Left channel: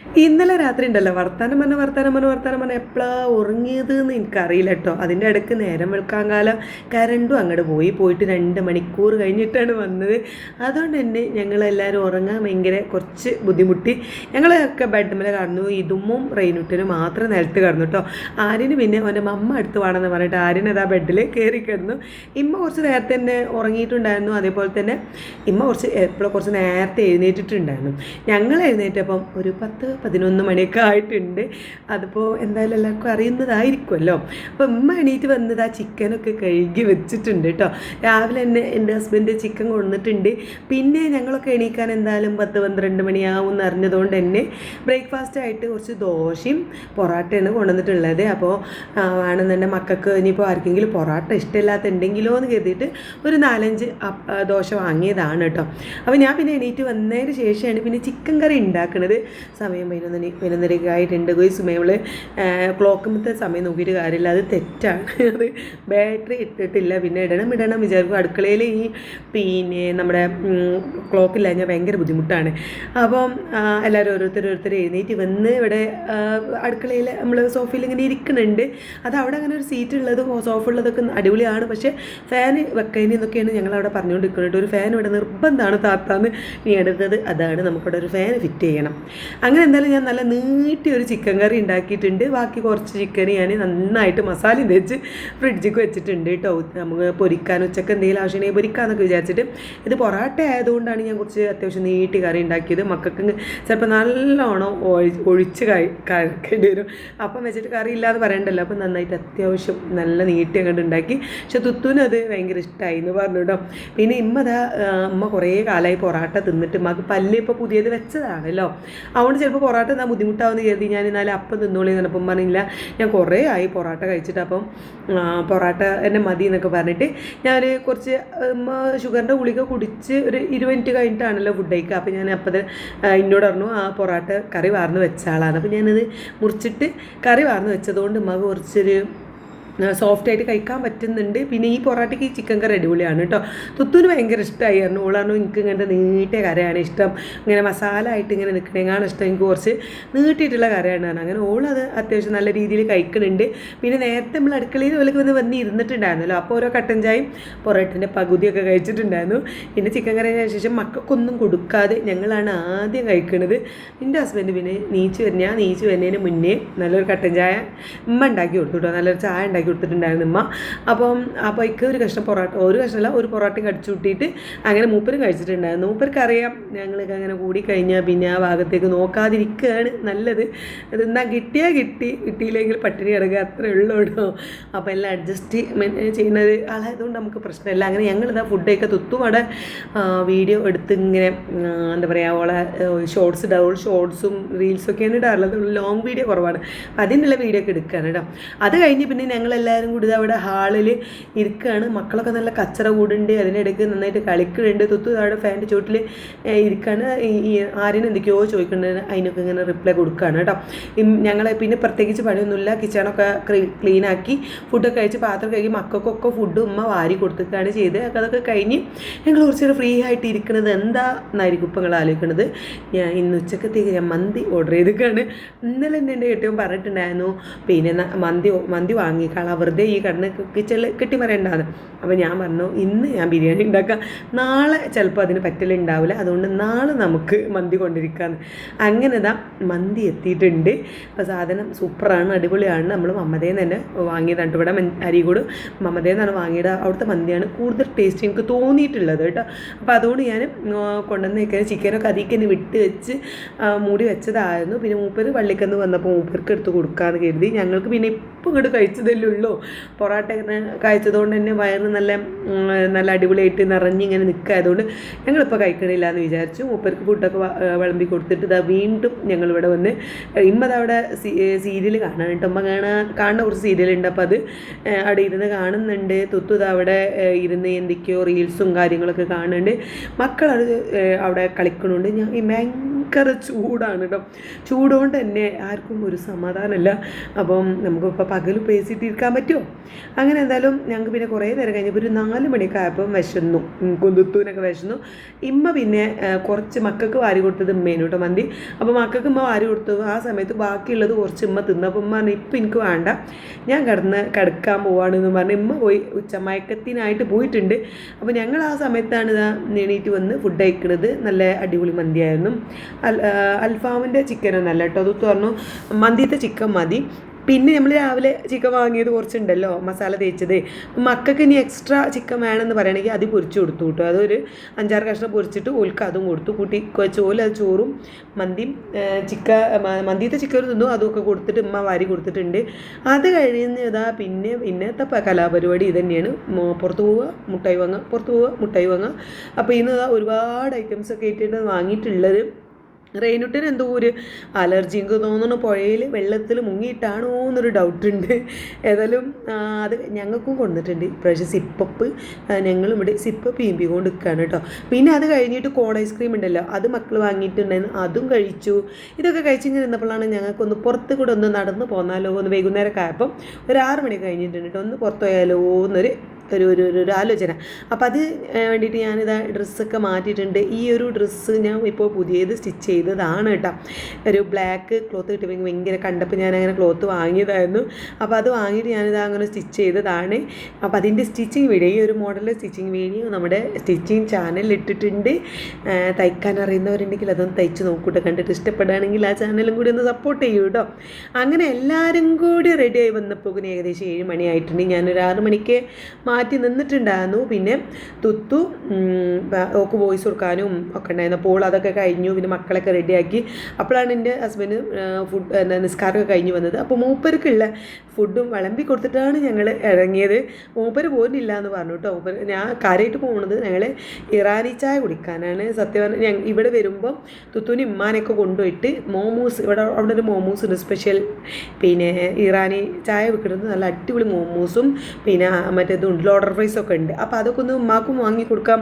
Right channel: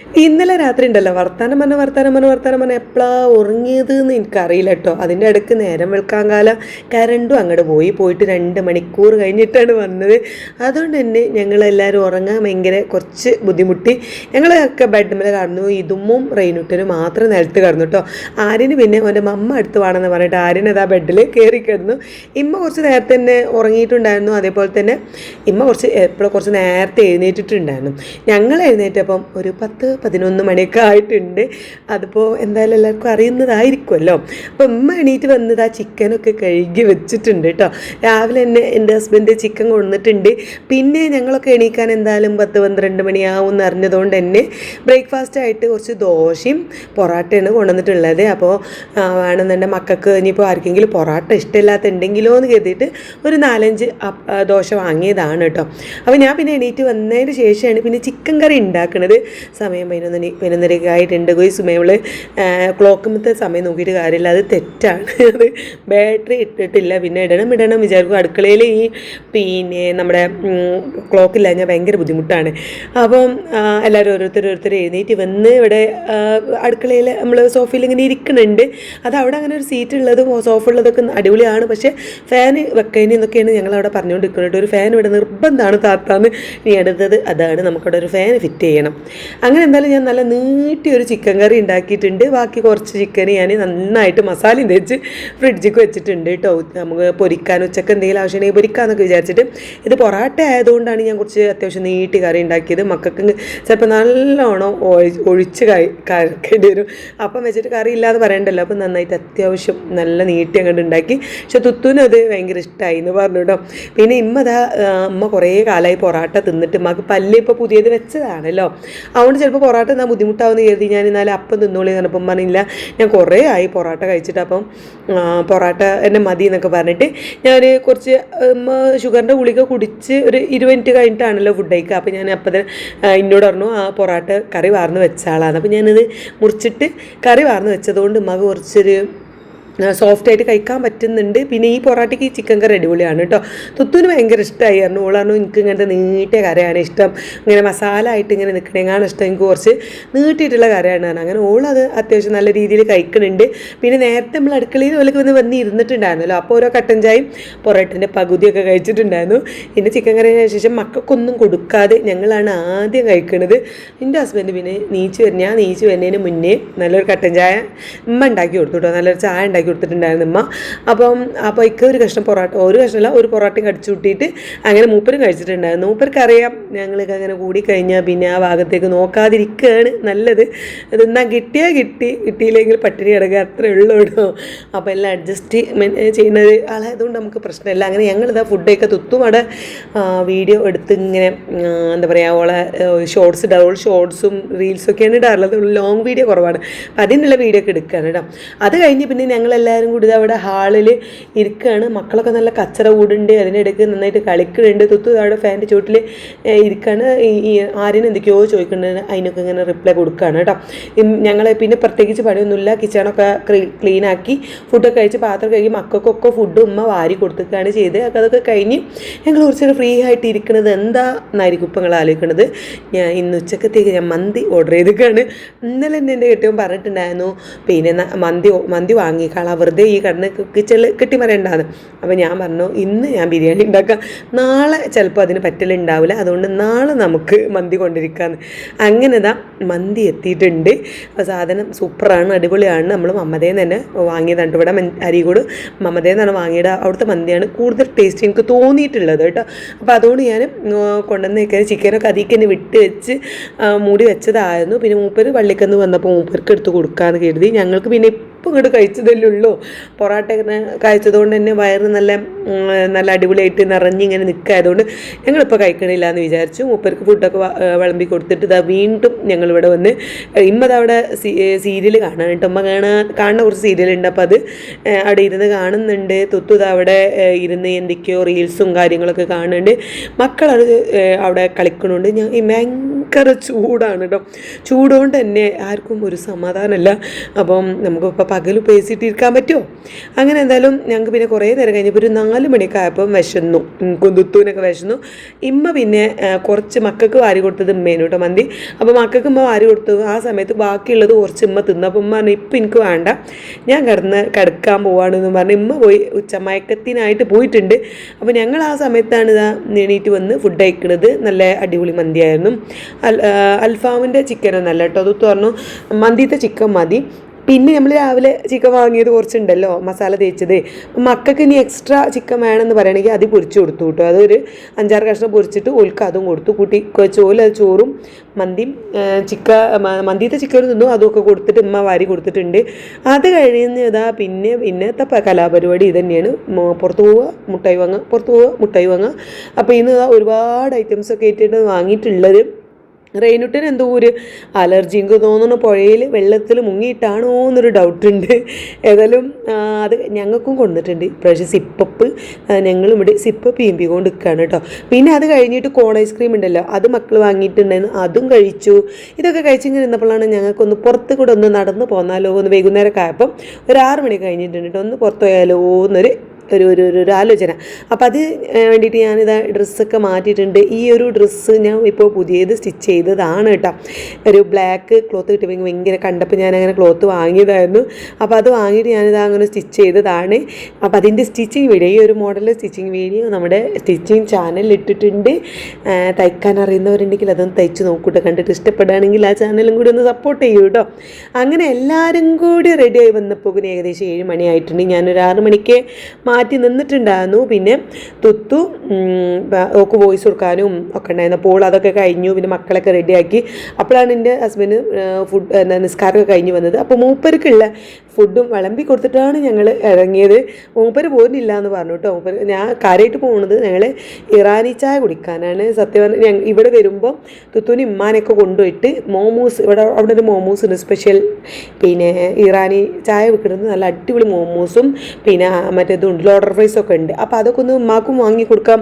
ഇന്നലെ രാത്രി ഉണ്ടല്ലോ വർത്താനം പറഞ്ഞ് എപ്പോഴാ ഉറങ്ങിയത് എന്ന് എനിക്കറിയില്ല കേട്ടോ. അതിൻ്റെ ഇടയ്ക്ക് നേരം വെളുക്കാൻ കാലം കരണ്ടും അങ്ങോട്ട് പോയിട്ട് 2 മണിക്കൂർ കഴിഞ്ഞിട്ടാണ് വന്നത്. അതുകൊണ്ട് തന്നെ ഞങ്ങളെല്ലാവരും ഉറങ്ങാൻ ഭയങ്കര കുറച്ച് ബുദ്ധിമുട്ടി. ഞങ്ങളൊക്കെ ബെഡ്മിൽ കടന്നു. ഇതുമ്മും റെയിനുട്ടനും മാത്രം നിലത്ത് കിടന്നു കേട്ടോ. ആര്യന് പിന്നെ അവൻ്റെ മമ്മ അടുത്ത് വേണമെന്ന് പറഞ്ഞിട്ട് ആര്യനതാ ബെഡിൽ കയറി കിടന്നു. ഇമ്മ കുറച്ച് നേരത്തെ തന്നെ ഉറങ്ങിയിട്ടുണ്ടായിരുന്നു. അതേപോലെ തന്നെ ഇമ്മ കുറച്ച് നേരത്തെ എഴുന്നേറ്റിട്ടുണ്ടായിരുന്നു. ഞങ്ങൾ എഴുന്നേറ്റപ്പം ഒരു 10-11 മണിയൊക്കെ ആയിട്ടുണ്ട്. അതിപ്പോൾ എന്തായാലും എല്ലാവർക്കും അറിയുന്നതായിരിക്കുമല്ലോ. അപ്പോൾ ഉമ്മ എണീറ്റ് വന്നത് ആ ചിക്കനൊക്കെ കഴുകി വെച്ചിട്ടുണ്ട് കേട്ടോ. രാവിലെ തന്നെ എൻ്റെ ഹസ്ബൻഡ് ചിക്കൻ കൊണ്ടുവന്നിട്ടുണ്ട്. പിന്നെ ഞങ്ങളൊക്കെ എണീക്കാൻ എന്തായാലും 10-12 മണിയാവും എന്ന് അറിഞ്ഞതുകൊണ്ട് തന്നെ ബ്രേക്ക്ഫാസ്റ്റായിട്ട് കുറച്ച് ദോശയും പൊറോട്ടയാണ് കൊണ്ടുവന്നിട്ടുള്ളത്. അപ്പോൾ വേണമെന്നുണ്ടെങ്കിൽ മക്കൾക്ക് ഇനിയിപ്പോൾ ആർക്കെങ്കിലും പൊറോട്ട ഇഷ്ടമില്ലാത്തുണ്ടെങ്കിലോ എന്ന് കരുതിയിട്ട് ഒരു 4-5 ദോശ വാങ്ങിയതാണ് കേട്ടോ. അപ്പോൾ ഞാൻ പിന്നെ എണീറ്റ് വന്നതിന് ശേഷമാണ് പിന്നെ ചിക്കൻ കറി ഉണ്ടാക്കുന്നത്. സമയം 11:30 ആയിട്ടുണ്ട്. സുമേവള് ക്ലോക്കുമ്പത്തെ സമയം നോക്കിയിട്ട് കാര്യമില്ല, അത് തെറ്റാണ്. അത് ബാറ്ററി ഇട്ടിട്ടില്ല. പിന്നെ ഇടണം വിചാരിക്കും. അടുക്കളയിൽ പിന്നെ നമ്മുടെ ക്ലോക്കില്ല ഞാൻ ഭയങ്കര ബുദ്ധിമുട്ടാണ്. അപ്പം എല്ലാവരും ഓരോരുത്തർ എഴുന്നേറ്റ് വന്ന് ഇവിടെ അടുക്കളയിൽ നമ്മൾ സോഫയിൽ ഇങ്ങനെ ഇരിക്കുന്നുണ്ട്. അത് അവിടെ അങ്ങനെ ഒരു സീറ്റ് ഉള്ളതും സോഫ ഉള്ളതൊക്കെ അടിപൊളിയാണ്. പക്ഷേ ഫാൻ വെക്കഴിഞ്ഞ് എന്നൊക്കെയാണ് ഞങ്ങളവിടെ പറഞ്ഞുകൊണ്ടിരിക്കുന്നത്. ഒരു ഫാൻ ഇവിടെ നിർബന്ധമാണ് താത്താന്ന് നീ എടുത്തത്. അതാണ് നമുക്കവിടെ ഒരു ഫാൻ ഫിറ്റ് ചെയ്യണം. അങ്ങനെ എന്തായാലും ഞാൻ നല്ല നീട്ടിയൊരു ചിക്കൻ കറി ഉണ്ടാക്കിയിട്ടുണ്ട്. ബാക്കി കുറച്ച് ചിക്കൻ ഞാൻ നന്നായിട്ട് മസാലയും തേച്ച് ഫ്രിഡ്ജിക്ക് വെച്ചിട്ടുണ്ട് കേട്ടോ. നമുക്ക് പൊരിക്കാൻ ഉച്ചക്ക് എന്തെങ്കിലും ആവശ്യമുണ്ടെങ്കിൽ പൊരിക്കാമെന്നൊക്കെ വിചാരിച്ചിട്ട്. ഇത് പൊറാട്ട ആയതുകൊണ്ടാണ് ഞാൻ കുറച്ച് അത്യാവശ്യം നീട്ടി കറി ഉണ്ടാക്കിയത്. മക്കൾക്ക് ചിലപ്പോൾ നല്ലോണം ഒഴിച്ച് കഴിക്കേണ്ടി വരും. അപ്പം വെച്ചിട്ട് കറി ഇല്ലാതെ പറയണ്ടല്ലോ. അപ്പം നന്നായിട്ട് അത്യാവശ്യം നല്ല നീട്ടി അങ്ങോട്ട് ഉണ്ടാക്കി. പക്ഷെ തുത്തുനും അത് ഭയങ്കര ഇഷ്ടമായി എന്ന് പറഞ്ഞു കേട്ടോ. പിന്നെ അമ്മ കുറേ കാലമായി പൊറാട്ട തിന്നിട്ട് അമ്മക്ക് പല്ല് ഇപ്പോൾ പുതിയത് വെച്ചതാണല്ലോ. അതുകൊണ്ട് ചിലപ്പോൾ പൊറോട്ട എന്നാൽ ബുദ്ധിമുട്ടാവുമെന്ന് കരുതി ഞാൻ എന്നാലും അപ്പം തിന്നോളി എന്നപ്പം പറഞ്ഞില്ല. ഞാൻ കുറേ ആയി പൊറോട്ട കഴിച്ചിട്ട്. അപ്പം പൊറോട്ട എന്നെ മതി എന്നൊക്കെ പറഞ്ഞിട്ട് ഞാൻ കുറച്ച് ഷുഗറിൻ്റെ ഗുളിക കുടിച്ച് ഒരു 20 മിനിറ്റ് കഴിഞ്ഞിട്ടാണല്ലോ ഫുഡ് കഴിക്കുക. അപ്പോൾ ഞാൻ അപ്പം എന്നോട് പറഞ്ഞു ആ പൊറോട്ട കറി വാർന്ന് വെച്ചാളാണ്. അപ്പോൾ ഞാനത് മുറിച്ചിട്ട് കറി വാർന്ന് വെച്ചതുകൊണ്ട് മക കുറച്ചൊരു സോഫ്റ്റായിട്ട് കഴിക്കാൻ പറ്റുന്നുണ്ട്. പിന്നെ ഈ പൊറോട്ടയ്ക്ക് ഈ ചിക്കൻ കറി അടിപൊളിയാണ് കേട്ടോ. തുത്തുന് ഭയങ്കര ഇഷ്ടമായിരുന്നു. ഓളാണ് എനിക്ക് ഇങ്ങനത്തെ നീട്ടിയ കറിയാണ് ഇഷ്ടം, ഇങ്ങനെ മസാല ആയിട്ട് ഇങ്ങനെ നിൽക്കണേക്കാണ് ഇഷ്ടം, എനിക്ക് കുറച്ച് നീട്ടിയിട്ടുള്ള കറിയാണ്. അങ്ങനെ ഓളത് അത്യാവശ്യം നല്ല രീതിയിൽ കഴിക്കുന്നുണ്ട്. പിന്നെ നേരത്തെ നമ്മൾ അടുക്കളയിൽ ഓലൊക്കെ വന്ന് ഇരുന്നിട്ടുണ്ടായിരുന്നല്ലോ. അപ്പോൾ ഓരോ കട്ടൻ ചായയും പൊറോട്ടൻ്റെ പകുതിയൊക്കെ കഴിച്ചിട്ടുണ്ടായിരുന്നു. പിന്നെ ചിക്കൻ കറിന് ശേഷം മക്കൾക്കൊന്നും കൊടുക്കാതെ ഞങ്ങളാണ് ആദ്യം കഴിക്കുന്നത്. എൻ്റെ ഹസ്ബൻഡ് പിന്നെ ഞാൻ നീച്ച് വരുന്നതിന് മുന്നേ നല്ലൊരു കട്ടൻ ചായ ഉമ്മ ഉണ്ടാക്കി കൊടുത്തു കേട്ടോ. നല്ലൊരു ചായ ഉണ്ടാക്കി കൊടുത്തിട്ടുണ്ടായിരുന്നു ഉമ്മ. അപ്പോൾ ഇക്ക ഒരു കഷ്ണം പൊറോട്ട, ഒരു കഷ്ണമല്ല ഒരു പൊറോട്ടയും കടിച്ചു കൂട്ടിയിട്ട് അങ്ങനെ മൂപ്പരും കഴിച്ചിട്ടുണ്ടായിരുന്നു. മൂപ്പർക്ക് അറിയാം ഞങ്ങൾക്ക് അങ്ങനെ കൂടിക്കഴിഞ്ഞാൽ പിന്നെ ആ ഭാഗത്തേക്ക് നോക്കാതിരിക്കുകയാണ് നല്ലത്. ഇതെന്നാൽ കിട്ടിയില്ലെങ്കിൽ പട്ടിണി കിടക്കുക, അത്രേ ഉള്ളൂ കേട്ടോ. അപ്പോൾ എല്ലാം അഡ്ജസ്റ്റ് ചെയ്യുന്നത് ആളായതുകൊണ്ട് നമുക്ക് പ്രശ്നമില്ല. അങ്ങനെ ഞങ്ങളിതാ ഫുഡൊക്കെ തുത്തുമടെ വീഡിയോ എടുത്ത് ഇങ്ങനെ എന്താ പറയുക ഓളെ ഷോർട്സ് ഇടാറുള്ള ഷോർട്സും റീൽസൊക്കെയാണ് ഇടാറുള്ളത്. ലോങ് വീഡിയോ കുറവാണ്. അപ്പം അതിനുള്ള വീഡിയോ ഒക്കെ എടുക്കുകയാണ് കേട്ടോ. അത് കഴിഞ്ഞ് പിന്നെ ഞങ്ങളെല്ലാവരും കൂടി അവിടെ ഹാളിൽ ഇരിക്കുകയാണ്. മക്കളൊക്കെ നല്ല കച്ചറ കൂടുണ്ട്. അതിനിടയ്ക്ക് നന്നായിട്ട് കളിക്കുന്നുണ്ട്. തുത്തു അവിടെ ഫാൻ്റെ ചുവട്ടിൽ ഇരിക്കുകയാണ്. ഈ ആര്യന് എന്തൊക്കെയോ ചോദിക്കുന്നുണ്ട്. അതിനൊക്കെ ഇങ്ങനെ റിപ്ലൈ കൊടുക്കുകയാണ് കേട്ടോ. ഞങ്ങൾ പിന്നെ പ്രത്യേകിച്ച് പണിയൊന്നുമില്ല. കിച്ചണൊക്കെ ക്ലീനാക്കി ഫുഡൊക്കെ കഴിച്ച് പാത്രം കഴുകി മക്കൾക്കൊക്കെ ഫുഡ് ഉമ്മ വാരി കൊടുത്തിട്ടാണ് ചെയ്ത്. അതൊക്കെ കഴിഞ്ഞ് ഞങ്ങൾ കുറച്ചൊരു ഫ്രീ ആയിട്ട് ഇരിക്കുന്നത് എന്താണെന്നായിരിക്കും ഇപ്പം നിങ്ങൾ ആലോചിക്കുന്നത്. ഞാൻ ഇന്ന് ഉച്ചക്കത്തേക്ക് ഞാൻ മന്തി ഓർഡർ ചെയ്തിട്ടാണ്. ഇന്നലെ തന്നെ എൻ്റെ കെട്ടിയവൻ പറഞ്ഞിട്ടുണ്ടായിരുന്നു പിന്നെ മന്തി വാങ്ങിക്കളാം, വെറുതെ ഈ കടന്ന് കിച്ചണിൽ കെട്ടി പറയണ്ടാന്ന്. അപ്പോൾ ഞാൻ പറഞ്ഞു ഇന്ന് ഞാൻ ബിരിയാണി ഉണ്ടാക്കാം, നാളെ ചിലപ്പോൾ അതിന് പറ്റലുണ്ടാവില്ല, അതുകൊണ്ട് നാളെ നമുക്ക് മന്തി കൊണ്ടിരിക്കാമെന്ന്. അങ്ങനെ മന്തി എത്തിയിട്ടുണ്ട്. അപ്പോൾ സാധനം സൂപ്പറാണ്, അടിപൊളിയാണ്. നമ്മൾ മമ്മതേന്ന് തന്നെ വാങ്ങിയതാണ്. ഇവിടെ അരീക്കോട് മമ്മതേന്നാണ് വാങ്ങിയത്. അവിടുത്തെ മന്തിയാണ് കൂടുതൽ ടേസ്റ്റ് എനിക്ക് തോന്നിയിട്ടുള്ളത് കേട്ടോ. അപ്പോൾ അതുകൊണ്ട് ഞാൻ കൊണ്ടുവന്നേക്കാൻ ചിക്കനൊക്കെ അതിലേക്ക് തന്നെ വിട്ട് വെച്ച് മൂടി വെച്ചതായിരുന്നു. പിന്നെ മൂപ്പര് പള്ളിക്കന്ന് വന്നപ്പോൾ മൂപ്പർക്ക് എടുത്ത് കൊടുക്കാമെന്ന് കരുതി. ഞങ്ങൾക്ക് പിന്നെ ഇപ്പം ഇങ്ങോട്ട് കഴിച്ചതല്ലേ ഉള്ളൂ. പൊറോട്ട കഴിച്ചതുകൊണ്ട് തന്നെ വയറ് നല്ല അടിപൊളിയായിട്ട് നിറഞ്ഞിങ്ങനെ നിൽക്കായതുകൊണ്ട് ഞങ്ങളിപ്പോൾ കഴിക്കണില്ല എന്ന് വിചാരിച്ചു. മൂപ്പർക്ക് ഫുഡൊക്കെ വിളമ്പി കൊടുത്തിട്ട് വീണ്ടും ഞങ്ങളിവിടെ വന്ന് ഇമ്മതവിടെ സീരിയൽ കാണാൻ കേട്ടോ. അമ്മ കാണുന്ന കുറച്ച് സീരിയലുണ്ട്. അപ്പോൾ അത് അവിടെ ഇരുന്ന് കാണുന്നുണ്ട്. തുത്തു അവിടെ ഇരുന്ന് എന്തൊക്കെയോ റീൽസും കാര്യങ്ങളൊക്കെ കാണുന്നുണ്ട്. മക്കളത് അവിടെ കളിക്കണുണ്ട്. ഞാൻ ഭയങ്കര ചൂടാണ് കേട്ടോ. ചൂടുകൊണ്ട് തന്നെ ആർക്കും ഒരു സമാധാനമല്ല. അപ്പം നമുക്കിപ്പോൾ പകൽ പേസിട്ടിരിക്കാൻ പറ്റുമോ? അങ്ങനെ എന്തായാലും ഞങ്ങൾക്ക് പിന്നെ കുറേ നേരം കഴിഞ്ഞപ്പോൾ ഒരു 4 മണിയൊക്കെ ആയപ്പം വിശന്നു, കുന്തുത്തൂനൊക്കെ വിശന്നു. ഇമ്മ പിന്നെ കുറച്ച് മക്കൾക്ക് വാരി കൊടുത്തത് ഉമ്മേനു കേട്ടോ മന്തി. അപ്പോൾ മക്കൾക്ക് ഉമ്മ വാരി കൊടുത്തു. ആ സമയത്ത് ബാക്കിയുള്ളത് കുറച്ച് ഉമ്മ തിന്നപ്പോൾ ഉമ്മ പറഞ്ഞു ഇപ്പം എനിക്ക് വേണ്ട, ഞാൻ കിടക്കാൻ പോവാണെന്ന് പറഞ്ഞ് ഉമ്മ പോയി ഉച്ചമയക്കത്തിനായിട്ട് പോയിട്ടുണ്ട്. അപ്പോൾ ഞങ്ങൾ ആ സമയത്താണ് ഇതാ എണീറ്റ് വന്ന് ഫുഡ് കഴിക്കുന്നത്. നല്ല അടിപൊളി മന്തിയായിരുന്നു. അൽഫാമിൻ്റെ ചിക്കനൊന്നല്ല കേട്ടോ, അത് പറഞ്ഞു മന്തിത്തെ ചിക്കൻ മതി. പിന്നെ നമ്മൾ രാവിലെ ചിക്കൻ വാങ്ങിയത് കുറച്ചുണ്ടല്ലോ മസാല തേച്ചത്, മക്കൾക്ക് ഇനി എക്സ്ട്രാ ചിക്കൻ വേണമെന്ന് പറയണമെങ്കിൽ അത് പൊരിച്ച് കൊടുത്തു കേട്ടോ. അതൊരു 5-6 കഷ്ണം പൊരിച്ചിട്ട് ഓൽക്ക് അതും കൊടുത്തു. കൂട്ടി ചോല ചോറും മന്തിയും മന്തിത്തെ ചിക്കനും തിന്നു. അതൊക്കെ കൊടുത്തിട്ട് ഉമ്മ വാരി കൊടുത്തിട്ടുണ്ട്. അത് കഴിഞ്ഞ് ഇതാ പിന്നത്തെ കലാപരിപാടി ഇത് തന്നെയാണ്. പുറത്ത് പോവുക മുട്ടായി വാങ്ങുക. അപ്പോൾ ഇന്ന് ഒരുപാട് ഐറ്റംസൊക്കെ ആയിട്ടാണ് വാങ്ങിയിട്ടുള്ളത്. റെയിനുട്ടിന് എന്തോ ഒരു അലർജി എനിക്ക് തോന്നുന്നു, പുഴയിൽ വെള്ളത്തിൽ മുങ്ങിയിട്ടാണോ എന്നൊരു ഡൗട്ടുണ്ട്. ഏതായാലും അത് ഞങ്ങൾക്കും കൊണ്ടിട്ടുണ്ട് ഇപ്രാവശ്യം സിപ്പപ്പ്. ഞങ്ങളിവിടെ സിപ്പപ്പ് കൊണ്ട് നിൽക്കുകയാണ് കേട്ടോ. പിന്നെ അത് കഴിഞ്ഞിട്ട് കോൺ ഐസ്ക്രീം ഉണ്ടല്ലോ, അത് മക്കൾ വാങ്ങിയിട്ടുണ്ടായിരുന്നു, അതും കഴിച്ചു. ഇതൊക്കെ കഴിച്ചിങ്ങനെ ഇരുന്നപ്പോഴാണ് ഞങ്ങൾക്കൊന്ന് പുറത്ത് കൂടെ ഒന്ന് നടന്ന് പോന്നാലോ എന്ന് വൈകുന്നേരമൊക്കെ ആയപ്പം ഒരു 6 മണി കഴിഞ്ഞിട്ടുണ്ട് കേട്ടോ. ഒന്ന് പുറത്ത് പോയാലോ എന്നൊരു ഒരു ആലോചന. അപ്പം അത് വേണ്ടിയിട്ട് ഞാനിതാ ഡ്രസ്സൊക്കെ മാറ്റിയിട്ടുണ്ട്. ഈ ഒരു ഡ്രസ്സ് ഞാൻ ഇപ്പോൾ പുതിയത് സ്റ്റിച്ച് ചെയ്തതാണ് കേട്ടോ. ഒരു ബ്ലാക്ക് ക്ലോത്ത് കിട്ടിയപ്പോൾ ഭയങ്കര കണ്ടപ്പോൾ ഞാനങ്ങനെ ക്ലോത്ത് വാങ്ങിയതായിരുന്നു. അപ്പോൾ അത് വാങ്ങിയിട്ട് ഞാനിതാ അങ്ങനെ സ്റ്റിച്ച് ചെയ്തതാണ്. അപ്പോൾ അതിൻ്റെ സ്റ്റിച്ചിങ് വീഡിയോ, ഈ ഒരു മോഡൽ സ്റ്റിച്ചിങ് വീഡിയോ നമ്മുടെ സ്റ്റിച്ചിങ് ചാനലിൽ ഇട്ടിട്ടുണ്ട്. തയ്ക്കാൻ അറിയുന്നവരുണ്ടെങ്കിൽ അതൊന്ന് തയ്ച്ച് നോക്കൂട്ടോ. കണ്ടിട്ട് ഇഷ്ടപ്പെടുകയാണെങ്കിൽ ആ ചാനലും കൂടി ഒന്ന് സപ്പോർട്ട് ചെയ്യൂ കേട്ടോ. അങ്ങനെ എല്ലാവരും കൂടി റെഡിയായി വന്നപ്പോൾ ഏകദേശം 7 മണിയായിട്ടുണ്ട്. ഞാനൊരു 6 മണിക്ക് മാറ്റി നിന്നിട്ടുണ്ടായിരുന്നു. പിന്നെ തുത്തു ഓക്ക് വോയിസ് കൊടുക്കാനും ഒക്കെ ഉണ്ടായിരുന്നു. അപ്പോൾ അതൊക്കെ കഴിഞ്ഞു. പിന്നെ മക്കളൊക്കെ റെഡിയാക്കി. അപ്പോഴാണ് എൻ്റെ ഹസ്ബൻഡ് നിസ്കാരമൊക്കെ കഴിഞ്ഞ് വന്നത്. അപ്പോൾ മൂപ്പർക്കുള്ള ഫുഡും വിളമ്പി കൊടുത്തിട്ടാണ് ഞങ്ങൾ ഇറങ്ങിയത്. മൂപ്പർ പോകുന്നില്ല എന്ന് പറഞ്ഞു കേട്ടോ. ഞാൻ കാര്യമായിട്ട് പോകുന്നത് ഞങ്ങൾ ഇറാനി ചായ കുടിക്കാനാണ്. സത്യം പറഞ്ഞാൽ ഇവിടെ വരുമ്പോൾ തുത്തുവിന് ഇമ്മാനൊക്കെ കൊണ്ടുപോയിട്ട് മോമോസ്, അവിടെ ഒരു മോമോസ് ഉണ്ട് സ്പെഷ്യൽ, പിന്നെ ഇറാനി ചായ വെക്കുന്നത് നല്ല അടിപൊളി മോമോസും പിന്നെ മറ്റേതുണ്ട് ലോഡർ ഫ്രൈസൊക്കെ ഉണ്ട്. അപ്പോൾ അതൊക്കെ ഒന്ന് ഉമ്മാക്കും വാങ്ങിക്കൊടുക്കാം,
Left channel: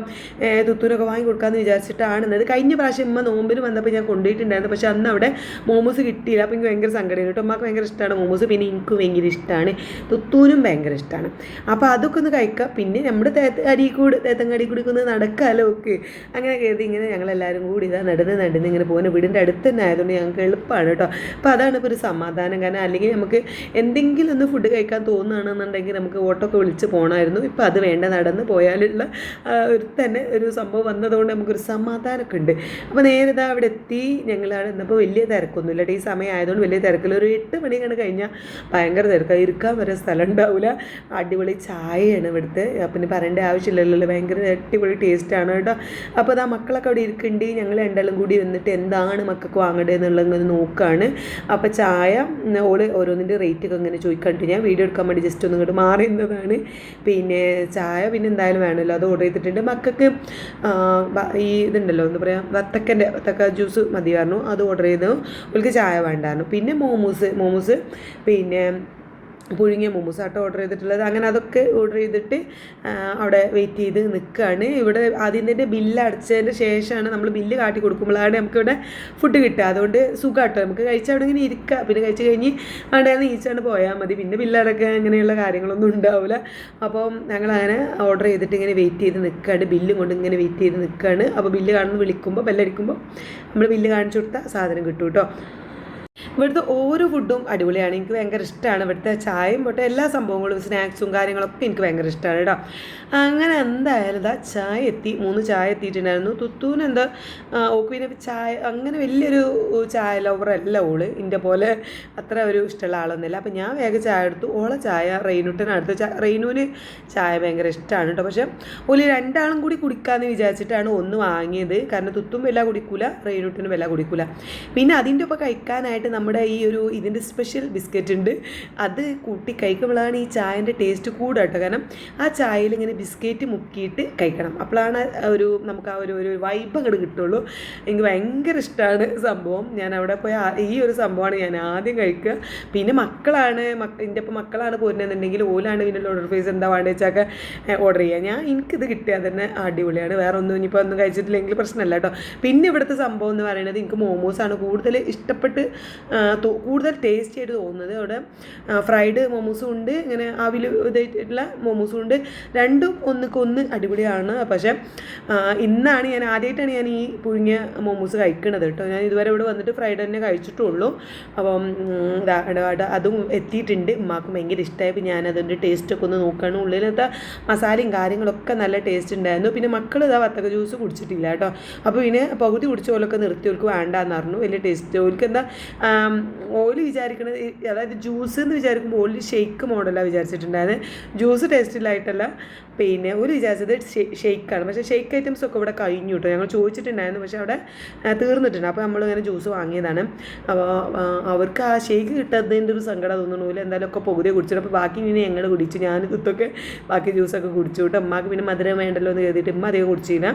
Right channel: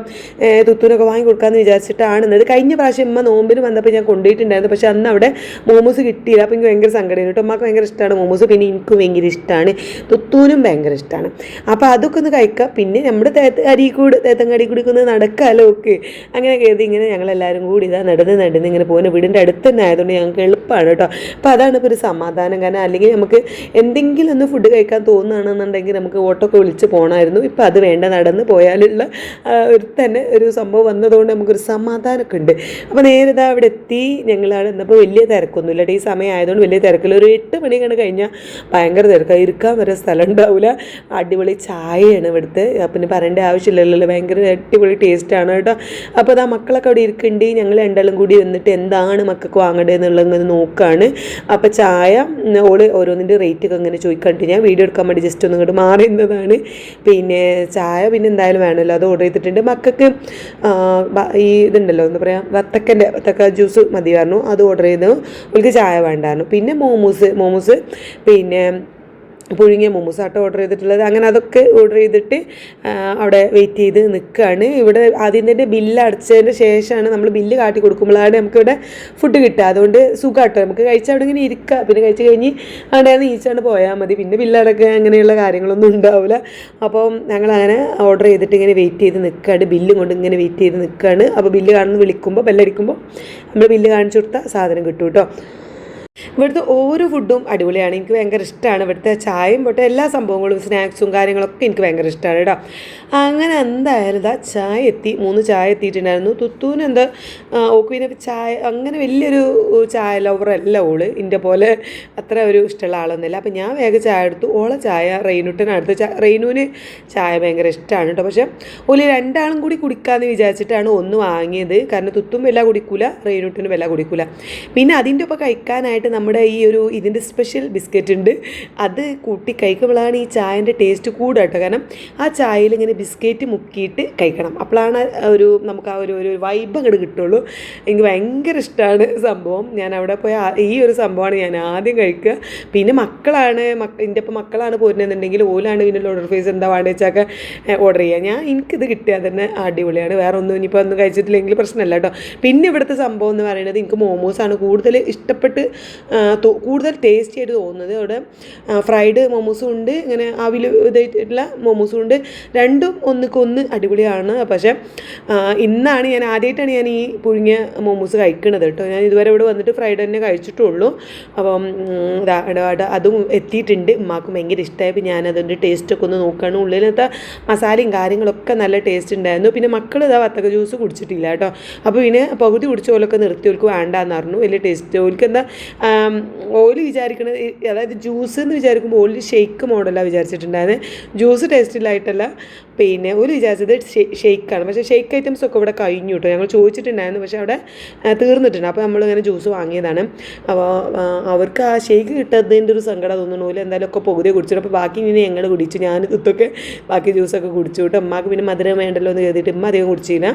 തുത്തുവിനൊക്കെ വാങ്ങിക്കൊടുക്കാമെന്ന് വിചാരിച്ചിട്ടാണ്. അത് കഴിഞ്ഞ പ്രാവശ്യം ഉമ്മ നോമ്പിന് വന്നപ്പോൾ ഞാൻ കൊണ്ടുപോയിട്ടുണ്ടായിരുന്നു. പക്ഷേ അന്ന് അവിടെ മോമോസ് കിട്ടിയില്ല. അപ്പോൾ എനിക്ക് ഭയങ്കര സങ്കടമായിരുന്നു കേട്ടോ. ഉമ്മാക്ക് ഭയങ്കര ഇഷ്ടമാണ് മോമോസ്, പിന്നെ എനിക്ക് ഭയങ്കര ഇഷ്ടമാണ്, തുത്തൂനും ഭയങ്കര ഇഷ്ടമാണ്. അപ്പോൾ അതൊക്കെ ഒന്ന് കഴിക്കാം. പിന്നെ നമ്മുടെ തേത്തങ്ങാടി കൂടി ഒന്ന് നടക്കാമല്ലോ ഒക്കെ. അങ്ങനെ കരുതി ഇങ്ങനെ ഞങ്ങളെല്ലാവരും കൂടി ഇതാ നടന്ന് ഇങ്ങനെ പോകുന്ന വീടിൻ്റെ അടുത്ത് തന്നെ ആയതുകൊണ്ട് ഞങ്ങൾക്ക് എളുപ്പമാണ് കേട്ടോ. അപ്പോൾ അതാണ് ഇപ്പോൾ ഒരു സമാധാനം. കാരണം അല്ലെങ്കിൽ നമുക്ക് എന്തെങ്കിലും ഒന്ന് ഫുഡ് കഴിക്കാൻ തോന്നുകയാണെന്നുണ്ടെങ്കിൽ നമുക്ക് ഓട്ടോ ഒക്കെ വിളിച്ച് പോകണമായിരുന്നു. ഇപ്പോൾ അത് വേണ്ട, നടന്ന് പോയാലുള്ള തന്നെ ഒരു സംഭവം വന്നതുകൊണ്ട് നമുക്കൊരു സമാധാനമൊക്കെ ഉണ്ട്. അപ്പോൾ നേരെ ഇതാ അവിടെ എത്തി. ഞങ്ങളവിടെ എന്നപ്പോൾ വലിയ തിരക്കൊന്നുമില്ല. ഈ സമയം ആയതുകൊണ്ട് വലിയ തിരക്കില്ല. ഒരു 8 മണി കണ്ട് കഴിഞ്ഞാൽ ഭയങ്കര തിരക്കാണ്, ഇരിക്കാൻ വരെ സ്ഥലം ഉണ്ടാവില്ല. അടിപൊളി ചായയാണ് ഇവിടുത്തെ, പിന്നെ പറയേണ്ട ആവശ്യമില്ലല്ലോ, ഭയങ്കര അടിപൊളി ടേസ്റ്റാണ് കേട്ടോ. അപ്പോൾ അതാ മക്കളൊക്കെ അവിടെ ഇരിക്കുന്നുണ്ട്. ഞങ്ങൾ രണ്ടാളും കൂടി വന്നിട്ട് എന്താണ് മക്കൾക്ക് വാങ്ങേണ്ടത് എന്നുള്ളത് നോക്കുകയാണ്. അപ്പോൾ ചായ ഓരോന്നിൻ്റെ റേറ്റൊക്കെ ഇങ്ങനെ ചോദിക്കണ്ടിട്ട് ഞാൻ വീഡിയോ എടുക്കാൻ വേണ്ടി ജസ്റ്റ് ഒന്ന് ഇങ്ങോട്ട് മാറുന്നതാണ്. പിന്നെ ചായ പിന്നെ എന്തായാലും വേണമല്ലോ, അത് ഓർഡർ ചെയ്തിട്ടുണ്ട്. മക്കൾക്ക് ഈ ഇതുണ്ടല്ലോ എന്താ പറയുക, വത്തക്ക ജ്യൂസ് മതി പറഞ്ഞു, അത് ഓർഡർ ചെയ്തു. അവർക്ക് ചായ വേണ്ടായിരുന്നു. പിന്നെ മോമോസ് പിന്നെ പുഴുങ്ങിയ മോമോസ് ആട്ടോ ഓർഡർ ചെയ്തിട്ടുള്ളത്. അങ്ങനെ അതൊക്കെ ഓർഡർ ചെയ്തിട്ട് അവിടെ വെയിറ്റ് ചെയ്ത് നിൽക്കുകയാണ്. ഇവിടെ ആദ്യം തന്നെ ബില്ല് അടച്ചതിന് ശേഷമാണ് നമ്മൾ ബില്ല് കാട്ടി കൊടുക്കുമ്പോഴാണ് നമുക്കിവിടെ ഫുഡ് കിട്ടുക. അതുകൊണ്ട് സുഖമാട്ടോ, നമുക്ക് കഴിച്ചാൽ അവിടെ ഇങ്ങനെ ഇരിക്കുക. പിന്നെ കഴിച്ച് കഴിഞ്ഞ് അവിടെ നീച്ചാണ് പോയാൽ മതി. പിന്നെ ബില്ലടക്കുക അങ്ങനെയുള്ള കാര്യങ്ങളൊന്നും ഉണ്ടാവില്ല. അപ്പോൾ ഞങ്ങളങ്ങനെ ഓർഡർ ചെയ്തിട്ട് ഇങ്ങനെ വെയിറ്റ് ചെയ്ത് നിൽക്കുകയാണ്, ബില്ലും കൊണ്ട് ഇങ്ങനെ വെയിറ്റ് ചെയ്ത് നിൽക്കുകയാണ്. അപ്പോൾ ബില്ല് കാണുന്ന വിളിക്കുമ്പോൾ ബെല്ലടിക്കുമ്പോൾ നമ്മൾ ബില്ല് കാണിച്ചു കൊടുത്താൽ സാധനം കിട്ടും കേട്ടോ. ഇവിടുത്തെ ഓരോ ഫുഡും അടിപൊളിയാണ്, എനിക്ക് ഭയങ്കര ഇഷ്ടമാണ്. ഇവിടുത്തെ ചായയും പോട്ടെ എല്ലാ സംഭവങ്ങളും സ്നാക്സും കാര്യങ്ങളൊക്കെ എനിക്ക് ഭയങ്കര ഇഷ്ടമാണ് കേട്ടോ. അങ്ങനെ എന്തായാലും ഇതാ ചായ എത്തി, 3 ചായ എത്തിയിട്ടുണ്ടായിരുന്നു. തുത്തൂന് എന്താ ഓക്ക് പിന്നെ ചായ അങ്ങനെ വലിയൊരു ചായ ലവറല്ല ഓള്, എൻ്റെ പോലെ അത്ര ഒരു ഇഷ്ടമുള്ള ആളൊന്നുമില്ല. അപ്പം ഞാൻ വേഗം ചായ എടുത്തു. ഓളെ ചായ റെയിനുട്ടനടുത്ത് റെയിനുവിന് ചായ ഭയങ്കര ഇഷ്ടമാണ് കേട്ടോ. പക്ഷേ ഓല് രണ്ടാളും കൂടി കുടിക്കാമെന്ന് വിചാരിച്ചിട്ടാണ് ഒന്ന് വാങ്ങിയത്. കാരണം തുത്തും വില കുടിക്കൂല, റെയിനുട്ടനും വില കുടിക്കൂല. പിന്നെ അതിൻ്റെ ഒപ്പം കഴിക്കാനായിട്ട് നമ്മുടെ ഈ ഇതിൻ്റെ സ്പെഷ്യൽ ബിസ്ക്കറ്റ് ഉണ്ട്, അത് കൂട്ടി കഴിക്കുമ്പോഴാണ് ഈ ചായൻ്റെ ടേസ്റ്റ് കൂടുക കേട്ടോ. കാരണം ആ ചായയിൽ ഇങ്ങനെ ബിസ്ക്കറ്റ് മുക്കിയിട്ട് കഴിക്കണം. അപ്പോഴാണ് നമുക്ക് ആ ഒരു വൈബ് അങ്ങോട്ട് കിട്ടുള്ളൂ. എനിക്ക് ഭയങ്കര ഇഷ്ടമാണ് സംഭവം. ഞാൻ അവിടെ പോയ ഈ ഒരു സംഭവമാണ് ഞാൻ ആദ്യം കഴിക്കുക. പിന്നെ മക്കളാണ് എൻ്റെ ഇപ്പം മക്കളാണ് പോരുന്നതെന്നുണ്ടെങ്കിൽ ഓലാണ് പിന്നെ ഓർഡർ ഫേസ് എന്താ വേണ്ടത് വെച്ചാൽ ഓർഡർ ചെയ്യുക. എനിക്കിത് കിട്ടിയാൽ തന്നെ അടിപൊളിയാണ്. വേറെ ഒന്നും ഇനിയിപ്പോൾ ഒന്നും കഴിച്ചിട്ടില്ലെങ്കിൽ പ്രശ്നമല്ല കേട്ടോ. പിന്നെ ഇവിടുത്തെ സംഭവം എന്ന് പറയുന്നത് എനിക്ക് മോമോസാണ് കൂടുതൽ ഇഷ്ടപ്പെട്ട് കൂടുതൽ ടേസ്റ്റി ആയിട്ട് തോന്നുന്നത്. അവിടെ ഫ്രൈഡ് മോമോസും ഉണ്ട്, ഇങ്ങനെ ആവിൽ ഇതായിട്ടുള്ള മോമോസും ഉണ്ട്. രണ്ടും ഒന്നിക്കൊന്ന് അടിപൊളിയാണ്. പക്ഷേ ഞാൻ ആദ്യമായിട്ടാണ് ഞാൻ ഈ പുഴുങ്ങിയ മോമോസ് കഴിക്കുന്നത് കേട്ടോ. ഞാൻ ഇതുവരെ ഇവിടെ വന്നിട്ട് ഫ്രൈഡ് തന്നെ കഴിച്ചിട്ടുള്ളൂ. അപ്പം അതും എത്തിയിട്ടുണ്ട്. ഉമ്മാക്കും ഭയങ്കര ഇഷ്ടമായി. ഞാനതിൻ്റെ ടേസ്റ്റൊക്കെ ഒന്ന് നോക്കുകയാണ്. ഉള്ളിലത്തെ മസാലയും കാര്യങ്ങളൊക്കെ നല്ല ടേസ്റ്റ് ഉണ്ടായിരുന്നു. പിന്നെ മക്കൾ വത്തക്ക ജ്യൂസ് കുടിച്ചിട്ടില്ല കേട്ടോ. അപ്പോൾ പിന്നെ പകുതി കുടിച്ച പോലൊക്കെ നിർത്തി ഓർക്ക് വേണ്ടാന്ന് പറഞ്ഞു. വലിയ ടേസ്റ്റ് ഓർക്ക് എന്താ ഓല് വിചാരിക്കണത്, അതായത് ജ്യൂസ് എന്ന് വിചാരിക്കുമ്പോൾ ഓല് ഷെയ്ക്ക് മോഡലാണ് വിചാരിച്ചിട്ടുണ്ടായത്. ജ്യൂസ് ടേസ്റ്റിലായിട്ടല്ല. പിന്നെ ഒരു വിചാരിച്ചത് ഷെയ്ക്കാണ്. പക്ഷേ ഷെയ്ക്ക് ഐറ്റംസ് ഒക്കെ ഇവിടെ കഴിഞ്ഞു കേട്ടോ. ഞങ്ങൾ ചോദിച്ചിട്ടുണ്ടായിരുന്നു, പക്ഷേ അവിടെ തീർന്നിട്ടുണ്ട്. അപ്പോൾ നമ്മളിങ്ങനെ ജ്യൂസ് വാങ്ങിയതാണ്. അപ്പോൾ അവർക്ക് ആ ഷെയ്ക്ക് കിട്ടാത്തതിൻ്റെ ഒരു സങ്കടം തോന്നുന്നു. ഓല് എന്തായാലും ഒക്കെ പകുതിയെ കുടിച്ചിട്ട് അപ്പോൾ ബാക്കി ഇനി ഞങ്ങൾ കുടിച്ചു. ഞാൻ ഇതൊക്കെ ബാക്കി ജ്യൂസൊക്കെ കുടിച്ചു കേട്ടോ. അമ്മക്ക് പിന്നെ മധുരം വേണ്ടല്ലോ എന്ന് കരുതിയിട്ട് അമ്മ അധികം കുടിച്ചില്ല.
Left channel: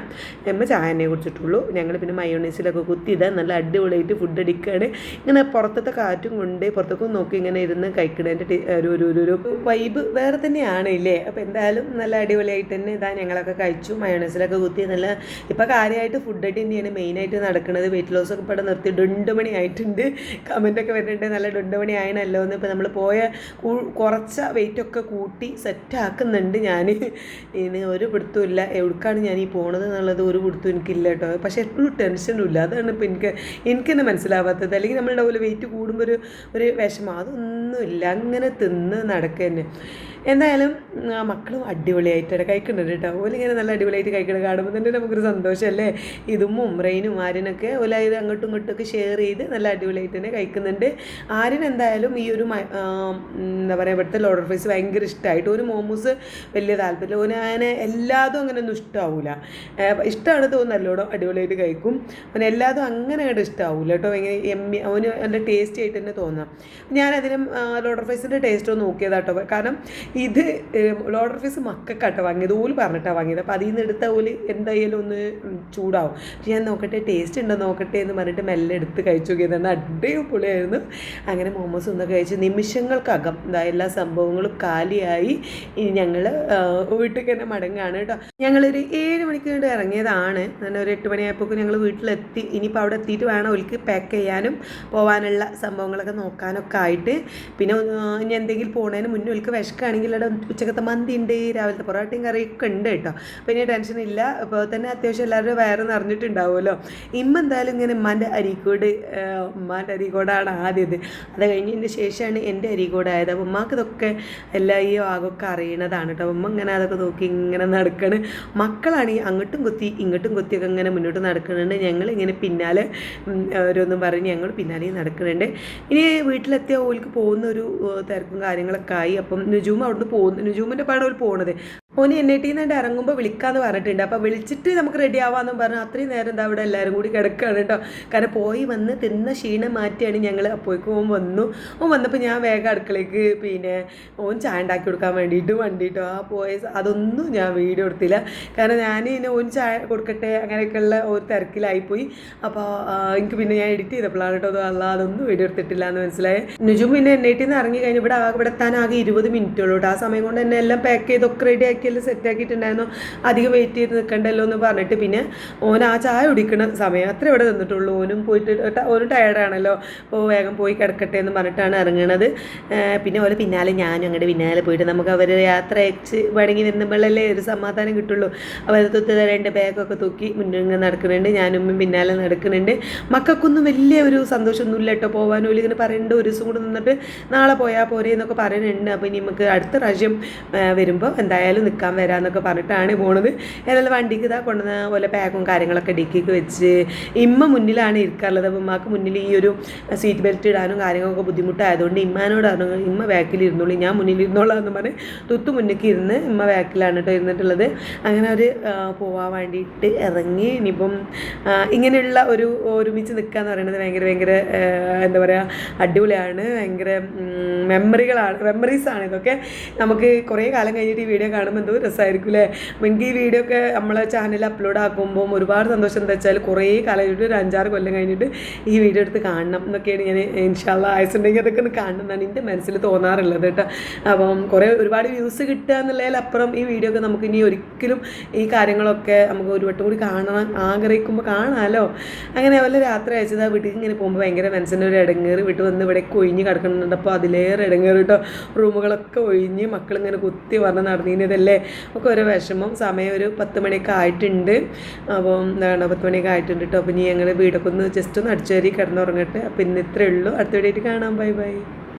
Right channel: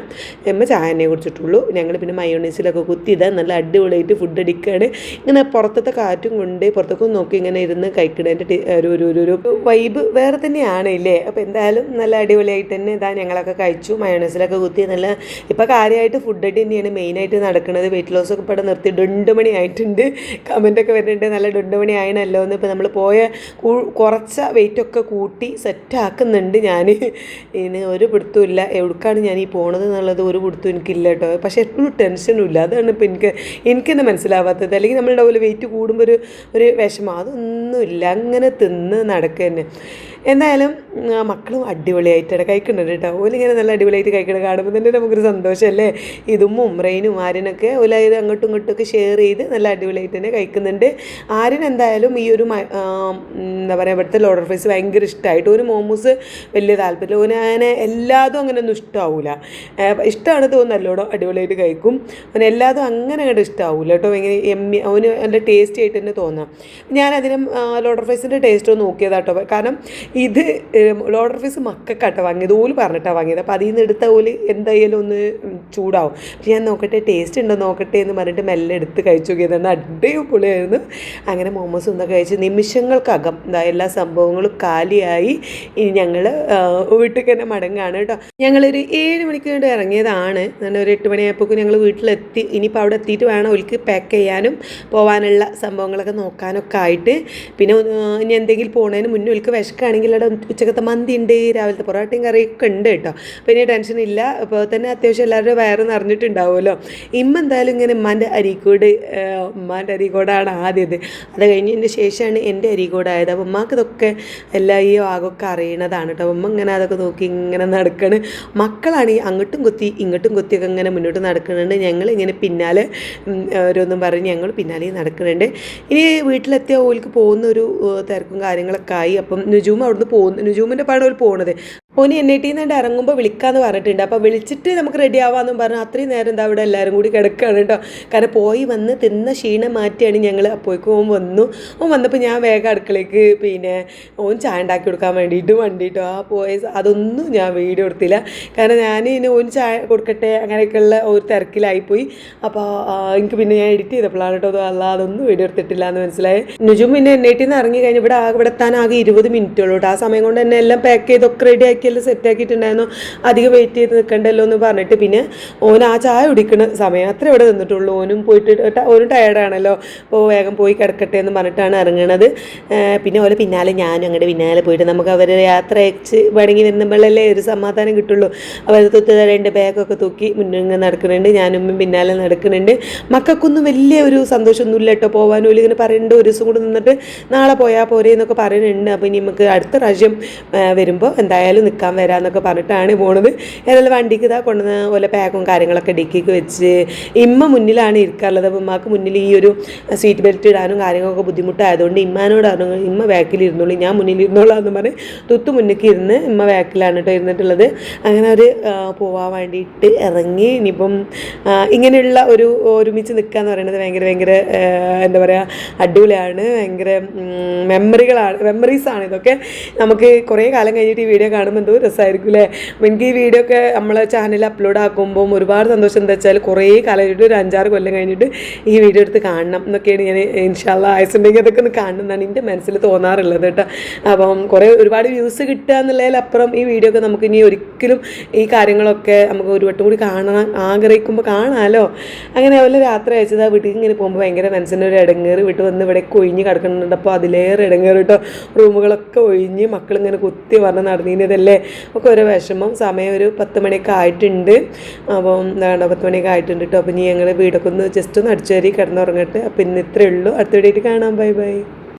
അമ്മ ചായ തന്നെ കുടിച്ചിട്ടുള്ളൂ. ഞങ്ങൾ പിന്നെ മയോണൈസിലൊക്കെ കുത്തിയിടാൻ നല്ല അടിപൊളിയായിട്ട് ഫുഡ് അടിക്കുകയാണ്. ഇങ്ങനെ പുറത്തത്തെ കാറ്റും കൊണ്ട് പുറത്തേക്കും നോക്കി ഇങ്ങനെ ഇരുന്ന് കഴിക്കണതിൻ്റെ ഒരു വൈബ് വേറെ തന്നെയാണ് ഇല്ലേ. അപ്പോൾ എന്തായാലും നല്ല അടിപൊളിയായിട്ട് തന്നെ ഇതാ ഞങ്ങളൊക്കെ കഴിച്ചു. മയോണൈസിലൊക്കെ കുത്തി നല്ല ഇപ്പോൾ കാര്യമായിട്ട് ഫുഡ് അടി തന്നെയാണ് മെയിനായിട്ട് നടക്കുന്നത്. വെയിറ്റ് ലോസൊക്കെ ഇവിടെ നിർത്തി 2 മണി ആയിട്ടുണ്ട്. കമൻറ്റൊക്കെ വരുന്നുണ്ട് നല്ല 2 മണി ആയണല്ലോ എന്ന്. ഇപ്പോൾ നമ്മൾ പോയ കുറച്ച വെയിറ്റൊക്കെ കൂട്ടി സെറ്റാക്കുന്നുണ്ട് ഞാൻ. ഇനി ഒരു പിടുത്തവും ഇല്ല എവിടേക്കാണ് ഞാൻ ഈ പോണത് എന്നുള്ളത് ഒരു പിടുത്തവും എനിക്കില്ല കേട്ടോ. പക്ഷേ എപ്പോഴും ടെൻഷനും ഇല്ല. അതാണ് ഇപ്പോൾ എനിക്ക് തന്നെ മനസ്സിലാവാത്തത്. അല്ലെങ്കിൽ നമ്മളുടെ പോലെ വെയിറ്റ് കൂടുമ്പോൾ ഒരു വിഷമം അതൊന്നുമില്ല. അങ്ങനെ തിന്ന് നടക്കുക തന്നെ. എന്തായാലും മക്കളും അടിപൊളിയായിട്ടാണ് കഴിക്കുന്നുണ്ട് കേട്ടോ. ഓലിങ്ങനെ നല്ല അടിപൊളിയായിട്ട് കഴിക്കണം കാണുമ്പോൾ തന്നെ നമുക്കൊരു സന്തോഷമല്ലേ. ഇതും റെയിനും ആര്യനൊക്കെ ഓല അങ്ങോട്ടും ഇങ്ങോട്ടൊക്കെ ഷെയർ ചെയ്ത് നല്ല അടിപൊളിയായിട്ട് തന്നെ കഴിക്കുന്നുണ്ട്. ആര്യൻ എന്തായാലും ഈ ഒരു എന്താ പറയുക ഇവിടുത്തെ ലോഡർ ഫ്രൈസ് ഭയങ്കര ഇഷ്ടമായിട്ട്. ഒരു മോമോസ് വലിയ താല്പര്യം. ഓനെ എല്ലാതും അങ്ങനെയൊന്നും ഇഷ്ടമാവില്ല. ഇഷ്ടമാണ് തോന്നുന്നല്ലോടോ അടിപൊളിയായിട്ട് കഴിക്കും. അവന് എല്ലാതും അങ്ങനെ അങ്ങോട്ട് ഇഷ്ടമാവില്ല കേട്ടോ. ഭയങ്കര അവന് നല്ല ടേസ്റ്റി ആയിട്ട് തന്നെ തോന്നാം. ഞാനതിനും ലോഡർ ഫ്രൈസിൻ്റെ ടേസ്റ്റ് ഒന്ന് നോക്കിയതാട്ടോ. കാരണം ഇത് ലോഡർ ഫീസ് മക്കൾക്കാട്ടോ വാങ്ങിയത്. ഓല് പറഞ്ഞിട്ടാണ് വാങ്ങിയത്. അപ്പോൾ അതിൽ നിന്ന് എടുത്ത ഓല് എന്തായാലും ഒന്ന് ചൂടാവും. പക്ഷെ ഞാൻ നോക്കട്ടെ ടേസ്റ്റ് ഉണ്ടോ നോക്കട്ടെ എന്ന് പറഞ്ഞിട്ട് മെല്ലെ എടുത്ത് കഴിച്ചു നോക്കിയതാണ്. അടിപൊളിയായിരുന്നു. അങ്ങനെ മോമോസ് ഒന്നൊക്കെ കഴിച്ച് നിമിഷങ്ങൾക്കകം എല്ലാ സംഭവങ്ങളും കാലിയായി. ഇനി ഞങ്ങൾ വീട്ടിൽ തന്നെ മടങ്ങാണ് കേട്ടോ. ഞങ്ങളൊരു 7 മണിക്ക് വേണ്ടി ഇറങ്ങിയതാണ്. അങ്ങനെ ഒരു 8 മണിയായപ്പോഴേക്കും ഞങ്ങൾ വീട്ടിലെത്തി. ഇനിയിപ്പോൾ അവിടെ എത്തിയിട്ട് വേണം അവർക്ക് പാക്ക് ചെയ്യാനും പോകാനുള്ള സംഭവങ്ങളൊക്കെ നോക്കാനൊക്കെ ആയിട്ട്. പിന്നെ ഇനി എന്തെങ്കിലും പോകുന്നതിന് മുന്നേ അവർക്ക് വിശക്കാണെങ്കിൽ അവിടെ ഉച്ചക്കത്തെ മന്തി ഉണ്ട്, രാവിലത്തെ പൊറോട്ടയും കറിയൊക്കെ ഉണ്ട് കേട്ടോ. പിന്നെ ടെൻഷനില്ല. അപ്പോൾ തന്നെ അത്യാവശ്യം എല്ലാവരുടെ വയറ് നിറഞ്ഞിട്ടുണ്ടാവുമല്ലോ. എന്തായാലും ഇങ്ങനെ ഉമ്മാൻ്റെ അരീക്കോടാണ് ആദ്യത്. അത് കഴിഞ്ഞതിന് ശേഷമാണ് എൻ്റെ അരീക്കോടായത്. അപ്പോൾ ഉമ്മാക്ക് ഇതൊക്കെ എല്ലാ ഈ ഭാഗമൊക്കെ അറിയണതാണ് കേട്ടോ. ഉമ്മ ഇങ്ങനെ അതൊക്കെ നോക്കി ഇങ്ങനെ നടക്കണം. മക്കളാണ് അങ്ങോട്ടും കുത്തി ഇങ്ങോട്ടും കുത്തിയൊക്കെ ഇങ്ങനെ മുന്നോട്ട് നടക്കുന്നുണ്ട്. ഞങ്ങളിങ്ങനെ പിന്നാലെ ഓരോന്നും പറഞ്ഞ് ഞങ്ങൾ പിന്നാലെ നടക്കുന്നുണ്ട്. ഇനി വീട്ടിലെത്തിയ ഓൾക്ക് പോകുന്ന ഒരു തിരക്കും കാര്യങ്ങളൊക്കെ ആയി. അപ്പം നുജൂമ അവിടുന്ന് നുജൂമിൻ്റെ പാടെ ഒരു പോണത്. ഓന് NIT നിന്ന് ഇറങ്ങുമ്പോൾ വിളിക്കാമെന്ന് പറഞ്ഞിട്ടുണ്ട്. അപ്പോൾ വിളിച്ചിട്ട് നമുക്ക് റെഡി ആവാമെന്നും പറഞ്ഞു. അത്രയും നേരം എന്താ ഇവിടെ എല്ലാവരും കൂടി കിടക്കുകയാണ് കേട്ടോ. കാരണം പോയി വന്ന് തിന്ന ക്ഷീണം മാറ്റിയാണ് ഞങ്ങൾ. അപ്പോഴേക്കും ഓൻ വന്നപ്പോൾ ഞാൻ വേഗം അടുക്കളയ്ക്ക് പിന്നെ ഓൻ ചായ ഉണ്ടാക്കി കൊടുക്കാൻ വേണ്ടിയിട്ട് അതൊന്നും ഞാൻ വീഡിയോ എടുത്തില്ല. കാരണം ഞാൻ ഓൻ ചായ കൊടുക്കട്ടെ അങ്ങനെയൊക്കെയുള്ള ഒരു തിരക്കിലായിപ്പോയി. അപ്പോൾ എനിക്ക് പിന്നെ ഞാൻ എഡിറ്റ് ചെയ്തപ്പോഴാണ് കേട്ടോ അതൊന്നും വീഡിയോ എടുത്തിട്ടില്ല എന്ന് മനസ്സിലായി. നുജും പിന്നെ NIT നിന്ന് ഇറങ്ങി കഴിഞ്ഞ് ഇവിടെ എത്താൻ ആകെ 20 മിനിറ്റുള്ളൂ കേട്ടോ. ആ സമയം കൊണ്ട് തന്നെ എല്ലാം പാക്ക് ചെയ്തൊക്കെ റെഡി ആക്കിയെല്ലാം സെറ്റാക്കിയിട്ടുണ്ടായിരുന്നു. അധികം വെയിറ്റ് ചെയ്ത് നിൽക്കണ്ടല്ലോ എന്ന് പറഞ്ഞിട്ട് പിന്നെ ഓൻ ആ ചായ കുടിക്കുന്ന സമയം അത്ര ഇവിടെ നിന്നിട്ടുള്ളൂ. ഓനും ടയർഡാണല്ലോ. അപ്പോൾ വേഗം പോയി കിടക്കട്ടെ എന്ന് പറഞ്ഞിട്ടാണ് ഇറങ്ങണത്. പിന്നെ ഓലെ പിന്നാലെ ഞാനും അങ്ങോട്ട് പിന്നാലെ പോയിട്ട് നമുക്ക് അവർ യാത്ര അയച്ച് മടങ്ങി വരുമ്പോഴല്ലേ ഒരു സമാധാനം കിട്ടുള്ളൂ. അവർ 2 ബാഗൊക്കെ തൂക്കി മുന്നിങ്ങനെ നടക്കുന്നുണ്ട്. ഞാനും പിന്നാലെ നടക്കുന്നുണ്ട്. മക്കൾക്കൊന്നും വലിയ ഒരു സന്തോഷമൊന്നുമില്ല കേട്ടോ പോകാനും. ഇങ്ങനെ പറയുന്നുണ്ട് ഒരു ദിവസം കൂടെ നിന്നിട്ട് നാളെ പോയാൽ പോരെ എന്നൊക്കെ പറയുന്നുണ്ട്. അപ്പോൾ ഇനി നമുക്ക് അടുത്ത പ്രാവശ്യം വരുമ്പോൾ എന്തായാലും നിൽക്കാൻ വരാമെന്നൊക്കെ പറഞ്ഞിട്ടാണ് പോണത്. ഏതായാലും വണ്ടിക്ക് ഇതാ കൊണ്ടുവന്ന് പോലെ പാക്കും കാര്യങ്ങളൊക്കെ ഡിക്കിക്ക് വെച്ച് ഇമ്മ മുന്നിലാണ് ഇരിക്കാറുള്ളത്. അപ്പോൾ ഉമ്മാക്ക് മുന്നിൽ ഈ ഒരു സീറ്റ് ബെൽറ്റ് ഇടാനും കാര്യങ്ങളൊക്കെ ബുദ്ധിമുട്ടായതുകൊണ്ട് ഇമ്മാനോടാണ് ഇമ്മ ബാക്കിൽ ഇരുന്നോളൂ ഞാൻ മുന്നിൽ ഇരുന്നോളാം എന്ന് പറഞ്ഞ് മുന്നിലേക്ക് ഇരുന്ന് ഇമ്മ ബാക്കിലാണ് കേട്ടോ ഇരുന്നിട്ടുള്ളത്. അങ്ങനെ ഒരു പോവാൻ വേണ്ടിയിട്ട് ഇറങ്ങി. ഇനിയിപ്പം ഇങ്ങനെയുള്ള ഒരുമിച്ച് നിൽക്കുക എന്ന് പറയുന്നത് ഭയങ്കര എന്താ പറയുക അടിപൊളിയാണ്. ഭയങ്കര മെമ്മറീസാണ് ഇതൊക്കെ. നമുക്ക് കുറേ കാലം കഴിഞ്ഞിട്ട് ഈ വീഡിയോ കാണുമ്പോൾ എന്തോ രസമായിരിക്കും അല്ലേ. അപ്പോൾ എനിക്ക് ഈ വീഡിയോ ഒക്കെ നമ്മളെ ചാനലിൽ അപ്ലോഡ് ആക്കുമ്പം ഒരുപാട് സന്തോഷം. എന്താ വെച്ചാൽ കുറേ കാലമായിട്ട് ഒരു 5-6 കൊല്ലം കഴിഞ്ഞിട്ട് ഈ വീഡിയോ എടുത്ത് കാണണം എന്നൊക്കെയാണ് ഞാൻ ഇൻഷാല്ലാ ആയുസുണ്ടെങ്കിൽ അതൊക്കെ ഒന്ന് കാണണമെന്നാണ് എൻ്റെ മനസ്സിൽ തോന്നാറുള്ളത് കേട്ടോ. അപ്പം ഒരുപാട് വ്യൂസ് കിട്ടുക എന്നുള്ളതിലപ്പുറം ഈ വീഡിയോ ഒക്കെ നമുക്ക് ഇനി ഒരിക്കലും ഈ കാര്യങ്ങളൊക്കെ നമുക്ക് ഒരു വട്ടം കൂടി കാണാൻ ആഗ്രഹിക്കുമ്പോൾ കാണാമല്ലോ. അങ്ങനെ അതുപോലെ രാത്രി അയച്ചത് ആ വീട്ടിൽ ഇങ്ങനെ പോകുമ്പോൾ ഭയങ്കര മനസ്സിൻ്റെ ഒരു ഇടങ്ങേറ്. വീട്ടിൽ വന്ന് ഇവിടെ ഒഴിഞ്ഞ് കിടക്കുന്നുണ്ട്. അപ്പോൾ അതിലേറെ ഇടങ്ങേറ് കേട്ടോ. റൂമുകളൊക്കെ ഒഴിഞ്ഞ് മക്കളിങ്ങനെ കുത്തി പറഞ്ഞ് നടന്നതിനതല്ലേ ഒക്കെ ഒരു വിഷമം. സമയം ഒരു 10 മണിയൊക്കെ ആയിട്ടുണ്ട്. അപ്പം എന്താണ് 10 മണിയൊക്കെ ആയിട്ടുണ്ട് കേട്ടോ. അപ്പോൾ ഇനി ഞങ്ങൾ വീടൊക്കെ ഒന്ന് ജസ്റ്റ് ഒന്ന് അടിച്ചു കയറി കിടന്നുറങ്ങട്ടെ. അപ്പോൾ ഇന്ന് ഇത്രയേ ഉള്ളൂ. അടുത്ത വീഡിയോയിൽ കാണാം. Bye bye.